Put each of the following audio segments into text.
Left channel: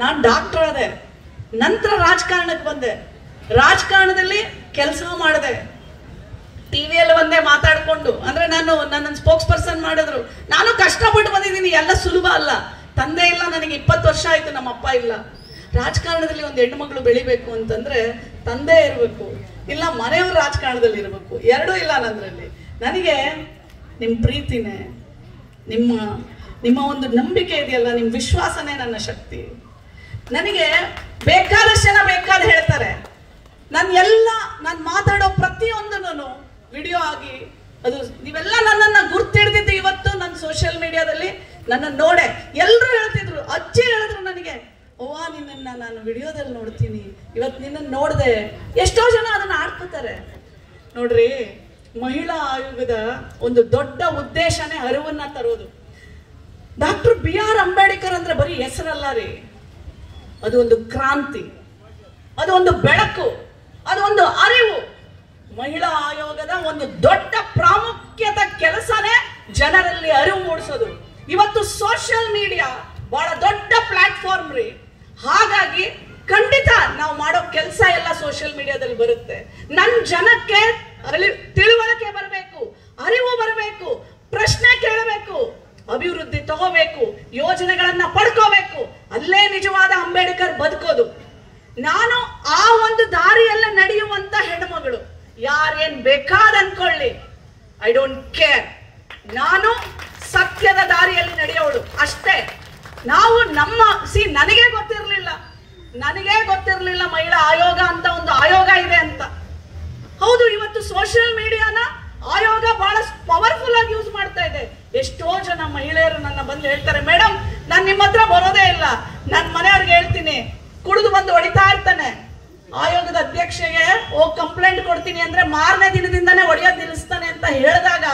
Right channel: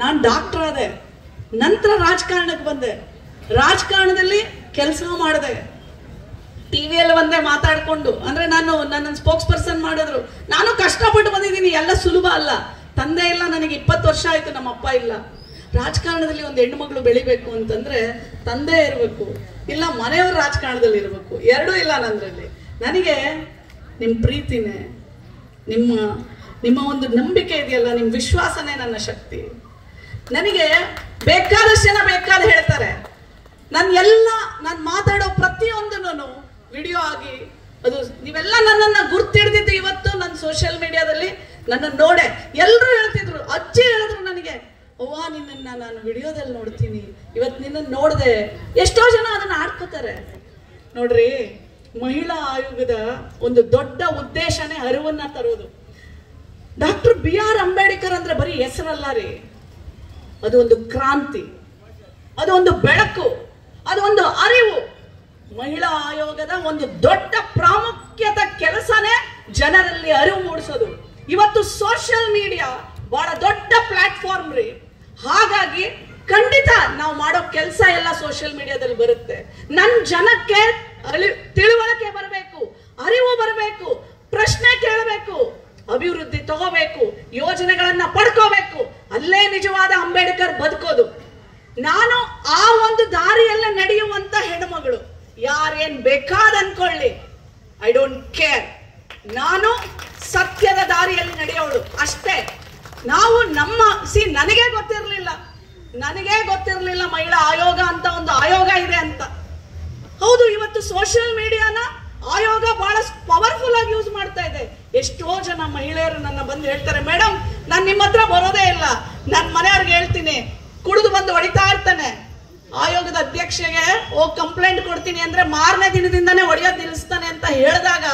ನಾನು ಡಾಕ್ಟರ್ ಅದೇ, ನಂತರ ರಾಜಕಾರಣಕ್ಕೆ ಬಂದೆ, ರಾಜಕಾರಣದಲ್ಲಿ ಕೆಲಸ ಮಾಡಿದೆ, ಟಿವಿಯಲ್ಲಿ ಒಂದೇ ಮಾತಾಡ್ಕೊಂಡು, ಅಂದ್ರೆ ನನ್ನ ಸ್ಪೋಕ್ಸ್ ಪರ್ಸನ್ ಮಾಡಿದ್ರು. ನಾನು ಕಷ್ಟಪಟ್ಟು ಬಂದಿದ್ದೀನಿ, ಎಲ್ಲ ಸುಲಭ ಅಲ್ಲ. ತಂದೆ ಇಲ್ಲ, ನನಗೆ 20 ವರ್ಷ ಆಯ್ತು, ನಮ್ಮ ಅಪ್ಪ ಇಲ್ಲ. ರಾಜಕಾರಣದಲ್ಲಿ ಒಂದು ಹೆಣ್ಣು ಮಗಳು ಬೆಳಿಬೇಕು ಅಂತಂದ್ರೆ ತಂದೆ ಇರಬೇಕು, ಇಲ್ಲ ಮನೆಯವ್ರ ರಾಜಕಾರಣದಲ್ಲಿ ಇರಬೇಕು, ಎರಡೂ ಇಲ್ಲ ನನ್ನಲ್ಲಿ. ನನಗೆ ನಿಮ್ಮ ಪ್ರೀತಿನೇ, ನಿಮ್ಮ ಒಂದು ನಂಬಿಕೆ ಇದೆಯಲ್ಲ, ನಿಮ್ಮ ವಿಶ್ವಾಸನೇ ನನ್ನ ಶಕ್ತಿ. ನನಗೆ ಬೇಕಾದಷ್ಟು ಜನ ಬೇಕಾದ ಹೇಳ್ತಾರೆ, ನಾನು ಮಾತಾಡೋ ಪ್ರತಿಯೊಂದನ್ನು ವಿಡಿಯೋ ಆಗಿ ಅದು ನೀವೆಲ್ಲ ನನ್ನನ್ನು ಗುರ್ತಿಡ್ದಿದ್ದು ಇವತ್ತು ನನ್ನ ಸೋಷಿಯಲ್ ಮೀಡಿಯಾದಲ್ಲಿ ನನ್ನ ನೋಡೆ ಎಲ್ಲರೂ ಹೇಳ್ತಿದ್ರು. ಅಜ್ಜಿ ಹೇಳಿದ್ರು ನನಗೆ, ಅವ್ವ ನಿನ್ನನ್ನು ನಾನು ವಿಡಿಯೋದಲ್ಲಿ ನೋಡ್ತೀನಿ, ಇವತ್ತು ನಿನ್ನನ್ನು ನೋಡಿದೆ. ಎಷ್ಟೋ ಜನ ಅದನ್ನ ಆಡ್ಕೋತಾರೆ. ನೋಡ್ರಿ, ಮಹಿಳಾ ಆಯೋಗದ ಒಂದು ದೊಡ್ಡ ಉದ್ದೇಶನೇ ಅರಿವನ್ನ ತರೋದು. ಡಾಕ್ಟರ್ BR ಅಂಬೇಡ್ಕರ್ ಅಂದ್ರೆ ಬರೀ ಹೆಸರಲ್ಲ ರೀ, ಅದು ಒಂದು ಕ್ರಾಂತಿ, ಅದು ಒಂದು ಬೆಳಕು, ಅದು ಒಂದು ಅರಿವು. ಮಹಿಳಾ ಆಯೋಗದ ಒಂದು ದೊಡ್ಡ ಪ್ರಾಮುಖ್ಯದ ಕೆಲಸನೇ ಜನರಲ್ಲಿ ಅರಿವು ಮೂಡಿಸೋದು. ಇವತ್ತು ಸೋಷಿಯಲ್ ಮೀಡಿಯಾ ಬಹಳ ದೊಡ್ಡ ಪ್ಲಾಟ್ಫಾರ್ಮ್ ರೀ. ಹಾಗಾಗಿ ಖಂಡಿತ ನಾವು ಮಾಡೋ ಕೆಲಸ ಎಲ್ಲ ಸೋಷಿಯಲ್ ಮೀಡಿಯಾದಲ್ಲಿ ಬರುತ್ತೆ. ನನ್ನ ಜನಕ್ಕೆ ತಿಳುವಳಿಕೆ ಬರಬೇಕು, ಅರಿವು ಬರಬೇಕು, ಪ್ರಶ್ನೆ ಕೇಳಬೇಕು, ಅಭಿವೃದ್ಧಿ ತಗೋಬೇಕು, ಯೋಜನೆಗಳನ್ನ ಪಡ್ಕೋಬೇಕು. ಅಲ್ಲೇ ನಿಜವಾದ ಅಂಬೇಡ್ಕರ್ ಬದುಕೋದು. ನಾನು ಆ ಒಂದು ದಾರಿಯಲ್ಲೇ ನಡೆಯುವಂತ ಹೆಣ್ಮಗಳು. ಯಾರೇನ್ ಬೇಕಾದ ಅನ್ಕೊಳ್ಳಿ, ಐ ಡೋಂಟ್ ಕೇರ್. ನಾನು ಸತ್ಯದ ದಾರಿಯಲ್ಲಿ ನಡೆಯೋಳು ಅಷ್ಟೇ. ನಾವು ನನಗೆ ಗೊತ್ತಿರಲಿಲ್ಲ ಮಹಿಳಾ ಆಯೋಗ ಅಂತ ಒಂದು ಆಯೋಗ ಇದೆ ಅಂತ. ಹೌದು, ಇವತ್ತು ಸೋಷಿಯಲ್ ಮೀಡಿಯಾನ ಆಯೋಗ ಬಹಳ ಪವರ್ಫುಲ್ ಆಗಿ ಯೂಸ್ ಮಾಡ್ತಾ ಇದೆ. ಎಷ್ಟೋ ಜನ ಮಹಿಳೆಯರು ನನ್ನ ಬಂದು ಹೇಳ್ತಾರೆ, ಮೇಡಮ್ ನಾನು ನಿಮ್ಮ ಹತ್ರ ಬರೋದೇ ಇಲ್ಲ, ನನ್ನ ಮನೆಯವ್ರಿಗೆ ಹೇಳ್ತೀನಿ, ಕುಡಿದು ಬಂದು ಹೊಡಿತಾ ಇರ್ತಾನೆ, ಆಯೋಗದ ಅಧ್ಯಕ್ಷೆಗೆ ಹೋಗಿ ಕಂಪ್ಲೇಂಟ್ ಕೊಡ್ತೀನಿ ಅಂದ್ರೆ ಮಾರನೇ ದಿನದಿಂದಾನೇ ಹೊಡೆಯೋದು ನಿಲ್ಲಿಸ್ತಾನೆ ಅಂತ ಹೇಳಿದಾಗ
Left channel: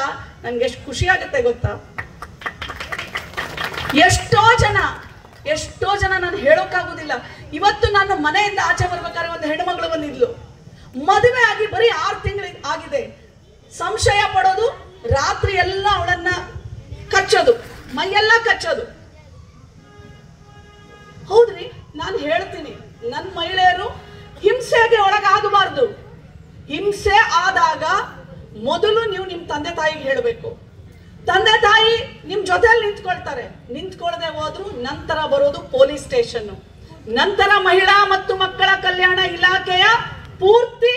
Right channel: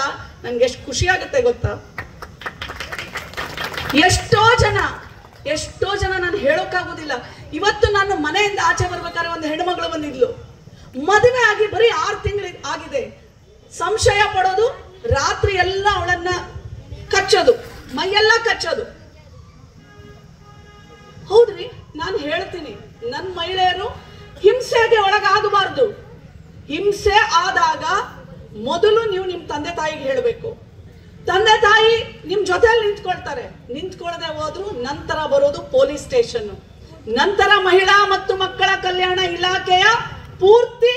ನನ್ಗೆ ಎಷ್ಟು ಖುಷಿ ಆಗುತ್ತೆ ಗೊತ್ತಾ. ಎಷ್ಟೋ ಜನ ನಾನು ಹೇಳೋಕ್ಕಾಗೋದಿಲ್ಲ. ಇವತ್ತು ನಾನು ಮನೆಯಿಂದ ಆಚೆ ಬರ್ಬೇಕಾದ್ರೆ ಒಂದು ಹೆಣ್ಮಗಳು ಬಂದಿದ್ಲು, ಮದುವೆ ಆಗಿ ಬರೀ 6 ತಿಂಗಳು ಆಗಿದೆ. ಸಂಶಯ ಪಡೋದು, ರಾತ್ರಿ ಎಲ್ಲ ಅವಳನ್ನ ಕಚ್ಚೋದು, ಮೈಯೆಲ್ಲ ಕಚ್ಚೋದು. ಹೌದ್ರಿ, ನಾನು ಹೇಳ್ತೀನಿ, ನನ್ನ ಮಹಿಳೆಯರು ಹಿಂಸೆಗೆ ಒಳಗಾಗಬಾರ್ದು. ಹಿಂಸೆ ಆದಾಗ ಮೊದಲು ನೀವು ನಿಮ್ ತಂದೆ ತಾಯಿಗೆ ಹೇಳಬೇಕು. ತಂದೆ ತಾಯಿ ನಿಮ್ ಜೊತೆಯಲ್ಲಿ ನಿಂತ್ಕೊಳ್ದೆ ಹೋದ್ರು ನಂತರ ಬರೋದು ಪೊಲೀಸ್ ಸ್ಟೇಷನ್, ನಂತರ ಮಹಿಳಾ ಮತ್ತು ಮಕ್ಕಳ ಕಲ್ಯಾಣ ಇಲಾಖೆಯ ಪೂರ್ತಿ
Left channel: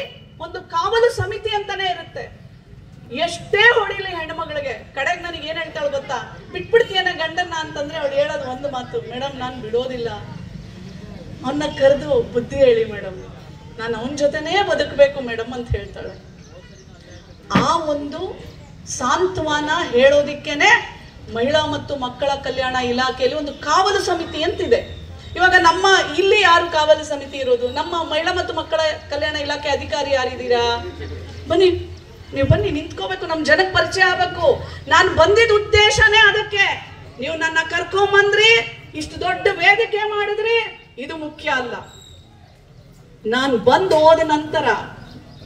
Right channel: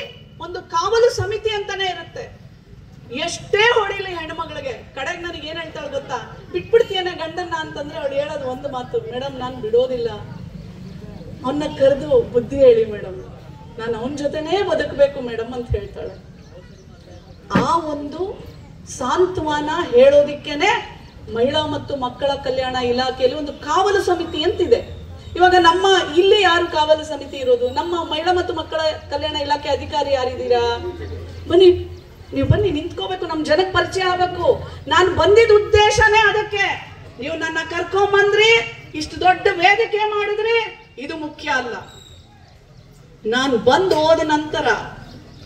ಒಂದು ಕಾವಲು ಸಮಿತಿ ಅಂತಾನೆ ಇರುತ್ತೆ. ಎಷ್ಟೇ ಹೊಡಿಲಿ ಹೆಣ್ಮಗಳಿಗೆ, ಕಡೆಗೆ ನನಗೆ ಏನ್ ಹೇಳ್ತಾಳೆ ಗೊತ್ತಾ, ಬಿಟ್ಬಿಡ್ತೀಯನ ಗಂಡನ್ನ ಅಂತಂದ್ರೆ ಅವಳು ಹೇಳೋದು ಒಂದು ಮಾತು, ಮೇಡಮ್ ನಾನು ಬಿಡೋದಿಲ್ಲ, ಅವನ್ನ ಕರೆದು ಬುದ್ಧಿ ಹೇಳಿ ಮೇಡಮ್, ನಾನು ಅವನ ಜೊತೆನೇ ಬದುಕಬೇಕು ಮೇಡಮ್ ಅಂತ ಹೇಳ್ತಾಳೆ. ಆ ಒಂದು ಸಾಂತ್ವನ ಹೇಳೋದಿಕ್ಕೇನೆ ಮಹಿಳಾ ಮತ್ತು ಮಕ್ಕಳ ಕಲ್ಯಾಣ ಇಲಾಖೆಯಲ್ಲಿ ಒಂದು ಕಾವಲು ಸಮಿತಿ ಅಂತಿದೆ. ಇವಾಗ ನಮ್ಮ ಇಲ್ಲಿ ಯಾರು ಕಾವಲು ಸಮಿತಿ ಇರೋದು? ನಮ್ಮ ಮಹಿಳಾ ಮತ್ತು ಮಕ್ಕಳ ಕಲ್ಯಾಣ ಇಲಾಖೆ ಅಧಿಕಾರಿ ಯಾರಿದ್ದೀರಾ? ಬನ್ನಿ, ನೀವು ಬನ್ನಿ, ನಿಂತ್ಕೋಬೇಕು, ನಮ್ ಜನಕ್ಕೆ ಪರಿಚಯ ಆಗ್ಬೇಕು. ನಾನು ಬಂದಿದ್ದ ಉದ್ದೇಶನೇ ಅದಕ್ಕೆ. ನೀವು ನನ್ನ ಕರ್ಕೊಂಬಂದ್ರಿ, ಇಷ್ಟು ದೊಡ್ಡ ವೇದಿಕೆ ಮಾಡಿದ್ರೆ ಇದು ಮುಖ್ಯ ಅಲ್ಲ. ನಾನು ಬಂದು ಹೋದ ನಂತರ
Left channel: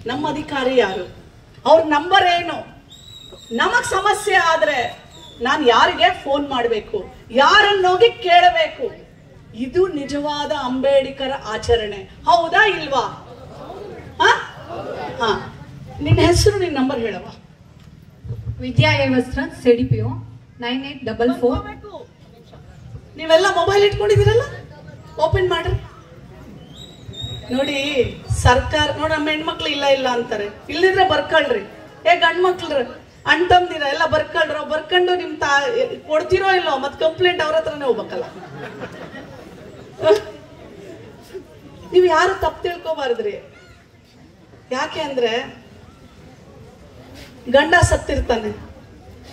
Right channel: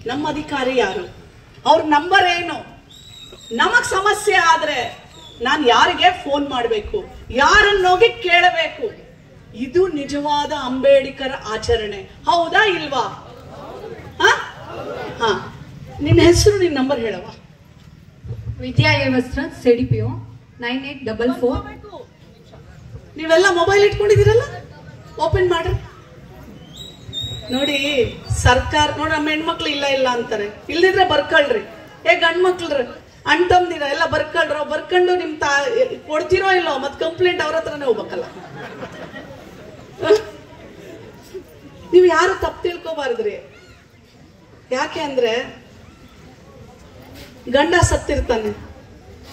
ನಮ್ಮ ಅಧಿಕಾರಿ ಯಾರು, ಅವ್ರ ನಂಬರ್ ಏನು, ನಮಗ್ ಸಮಸ್ಯೆ ಆದ್ರೆ ನಾನು ಯಾರಿಗೆ ಫೋನ್ ಮಾಡಬೇಕು, ಯಾರನ್ನೋಗಿ ಕೇಳಬೇಕು. ಇದು ನಿಜವಾದ ಅಂಬೇಡ್ಕರ್ ಆಚರಣೆ. ಹೌದಾ ಇಲ್ವಾ? ನಿನ್ನ ಹೆಸರು, ನಿನ್ನ ನಂಬರ್ ಹೇಳವ. ವಿದ್ಯಾ ವಸ್ತ್ರ CDPO 9844. ನೀವೆಲ್ಲ ಮೊಬೈಲ್ ಇಟ್ಕೊಂಡಿದ್ದೀರಲ್ಲ, ಓಪನ್ ಮಾಡ್ರಿ. ನೋಡಿ, ಸರ್ಕಾರ ನೋಡಿ, ನಮ್ಮ ಹೆಣ್ಮಕ್ಳು ಇಲ್ಲ ಅಂತಾರೆ, ಇಲ್ಲಿದ್ರೆ ಬರ್ಕೊಳ್ರಿ. ಗಂಡ್ ಮಕ್ಳ್ರಿ ಅಣ್ತಂದಿರ ಎಲ್ಲ ಬರ್ಕೊಂಡು ನಿಮ್ ಕೊಡ್ತಿರೋ ಇಲ್ಲೋ, ಮತ್ ಕಂಪ್ಲೇಂಟ್ ಅವ್ರ ಹತ್ರನೇ ಹೋಗ್ಬೇಕಲ್ಲ. ನೀವು ಯಾರು ತಪ್ಪು ತಿಳ್ಕೊಬಾರ್ದ್ರಿ. ಯಾಕೆ ಅಂದ್ರೆ ಗಂಡ ಸತ್ತಿರ್ತಾನೆ.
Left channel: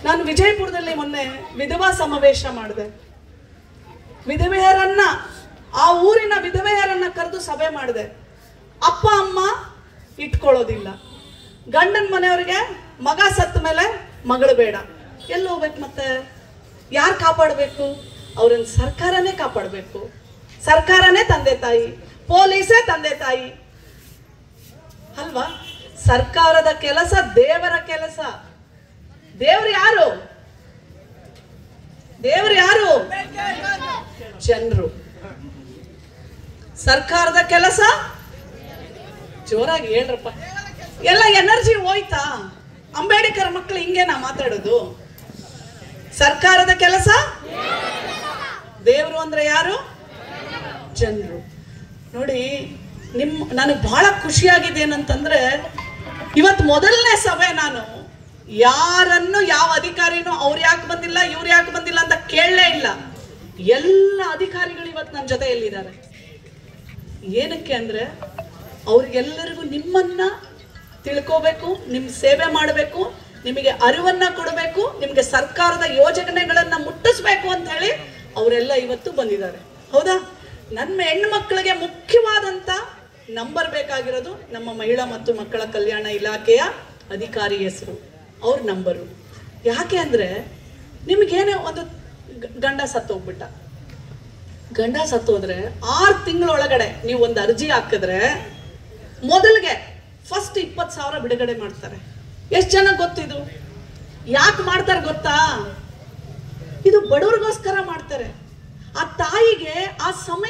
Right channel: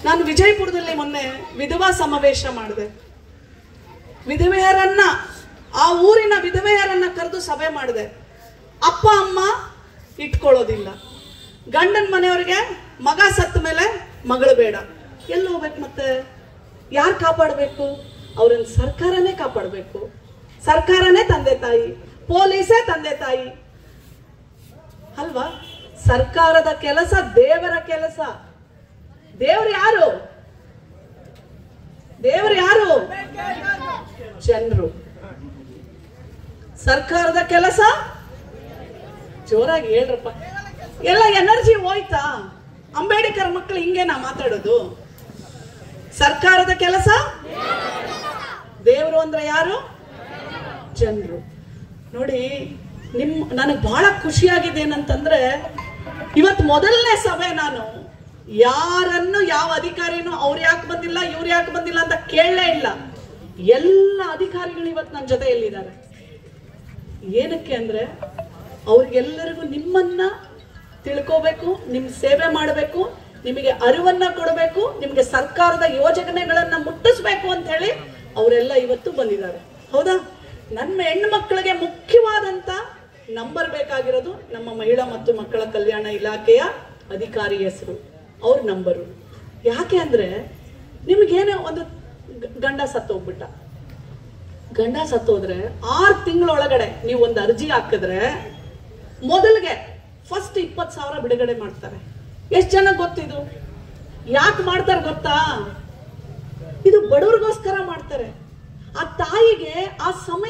ನಾನು ವಿಜಯಪುರದಲ್ಲಿ ಮೊನ್ನೆ ವಿಧವಾ ಸಮಾವೇಶ ಮಾಡಿದೆ. ವಿಧವೆಯರನ್ನ, ಆ ಊರಿನ ವಿಧವೆಯರನ್ನ ಕರೆದು ಸಭೆ ಮಾಡಿದೆ. ಅಪ್ಪ ಅಮ್ಮ ಇಟ್ಕೊಳ್ಳೋದಿಲ್ಲ, ಗಂಡನ ಮನೆಯವ್ರಿಗೆ ಮಗ ಸತ್ತ ಮೇಲೆ ಮಗಳು ಬೇಡ, ಎಲ್ಲಿ ಹೋಗ್ಬೇಕು? ಮತ್ತೆ ಯಾರು ಕಾಪಾಡಬೇಕು? ಅವ್ರನ್ನ ಸರ್ಕಾರನೇ ಕಾಪಾಡಬೇಕು. ಸರ್ಕಾರನೇ ತಂದೆ ತಾಯಿ, ಪೊಲೀಸೇ ತಂದೆ ತಾಯಿ ಅಲ್ವಾ? ಸರ್ಕಾರದ ಕೆಲಸ ದೇವರ ಕೆಲಸ. ದೇವರು ಯಾರು? ಜನರು. ಸರ್ಕಾರದ ಕೆಲಸ ಜೋರಾಗಿ ಹೇಳ್ರಪ್ಪ. ಎಲ್ಲ ಎನರ್ಜಿ ಹೋಯ್ತಾ? ಅಂಬೇಡ್ಕರ್ ಮಕ್ಕಳು ಹಿಂಗೆ ನಾ ಮಾತಾಡೋದು. ಸರ್ಕಾರದ ಕೆಲಸ, ದೇವರು ಅಂದ್ರೆ ಯಾರು? ಜನರು. ನೋಡಿ, ನನಗೆ ಬಹಳ ಖುಷಿಯಾಗಿದೆ ಏನಂತಂದ್ರೆ, ಇವತ್ತು ಮೊದಲನೇ ಸಭೆ ನಾನು ಯಾರನ್ನು, ಯಾವ ಅಧಿಕಾರಿನೂ ಅವ್ರು ಯಾಕೆ ಬಂದಿಲ್ಲ ಇವ್ರು ಯಾಕೆ ಬಂದಿಲ್ಲ ಅಂತ ಕೇಳಲೇ ಇಲ್ಲ. ಎಲ್ಲ ಅಧಿಕಾರಿಗಳು ಇವತ್ತು ನನ್ನ ಜೊತೆಯಲ್ಲಿದ್ದಾರೆ. ಏನಕ್ಕೆ ಅಂದ್ರೆ ಅವ್ರಿಗೆಲ್ಲರಿಗೂ ನಿಮ್ಮನ್ನ ತಿಳ್ಕೋಬೇಕು, ನಿಮ್ ಸೇವೆ ಮಾಡಬೇಕು, ನಿಮಗೆ ಅರಿವನ್ನ ಕೊಡಬೇಕು, ನಿಮ್ಗೆ ಸರ್ಕಾರದ ಯೋಜನೆಗಳನ್ನ ಮುಟ್ಟಿಸ್ಬೇಕು ಅಂತ ಹೇಳಿ ಅವರೆಲ್ಲ ಇವತ್ತು ಬಂದಿದ್ದಾರೆ. ಹೌದಾ? ನನ್ನ ಹೆಣ್ಣು ಮಕ್ಕಳಿಗೆ ಮುಖ್ಯವಾದಂತ ನಂಬರ್ ಬೇಕಾಗಿರೋದು ನಮ್ಮ ಮಹಿಳಾ ಮತ್ತು ಮಕ್ಕಳ ಕಲ್ಯಾಣ ಇಲಾಖೆಯ ಅಧಿಕಾರಿ ಹೆಸರು, ಅವ್ರ ನಂಬರು. ಯಾಕೆ ಅಂದ್ರೆ ನಿಮ್ಗೇನೇ ಒಂದು ಗಂಡ ಸತ್ತೋಗ್ಬಿಟ್ಟ, ಗಂಡ ಸತ್ತೋದ್ರೆ 6 ತಿಂಗಳೊಳಗಡೆ ನೀವು ಒಂದು ಅರ್ಜಿ ಹಾಕಿದ್ರೆ ಮೊದಲಿಗೆ ಫಸ್ಟ್ 20,000 ಬಿಡುಗಡೆ ಮಾಡ್ತಾರೆ. ಎಷ್ಟು ಜನ ಗೊತ್ತಿದು? ಯಾಕೆ ಮಾಡ್ತಾರೆ ಗೊತ್ತಾ? ಇದು ಬಡವರಿಗೋಸ್ಕರ ಮಾಡ್ತಾರೆ. ಆ ತಾಯಿಗೆ ಆ ಸಮಯ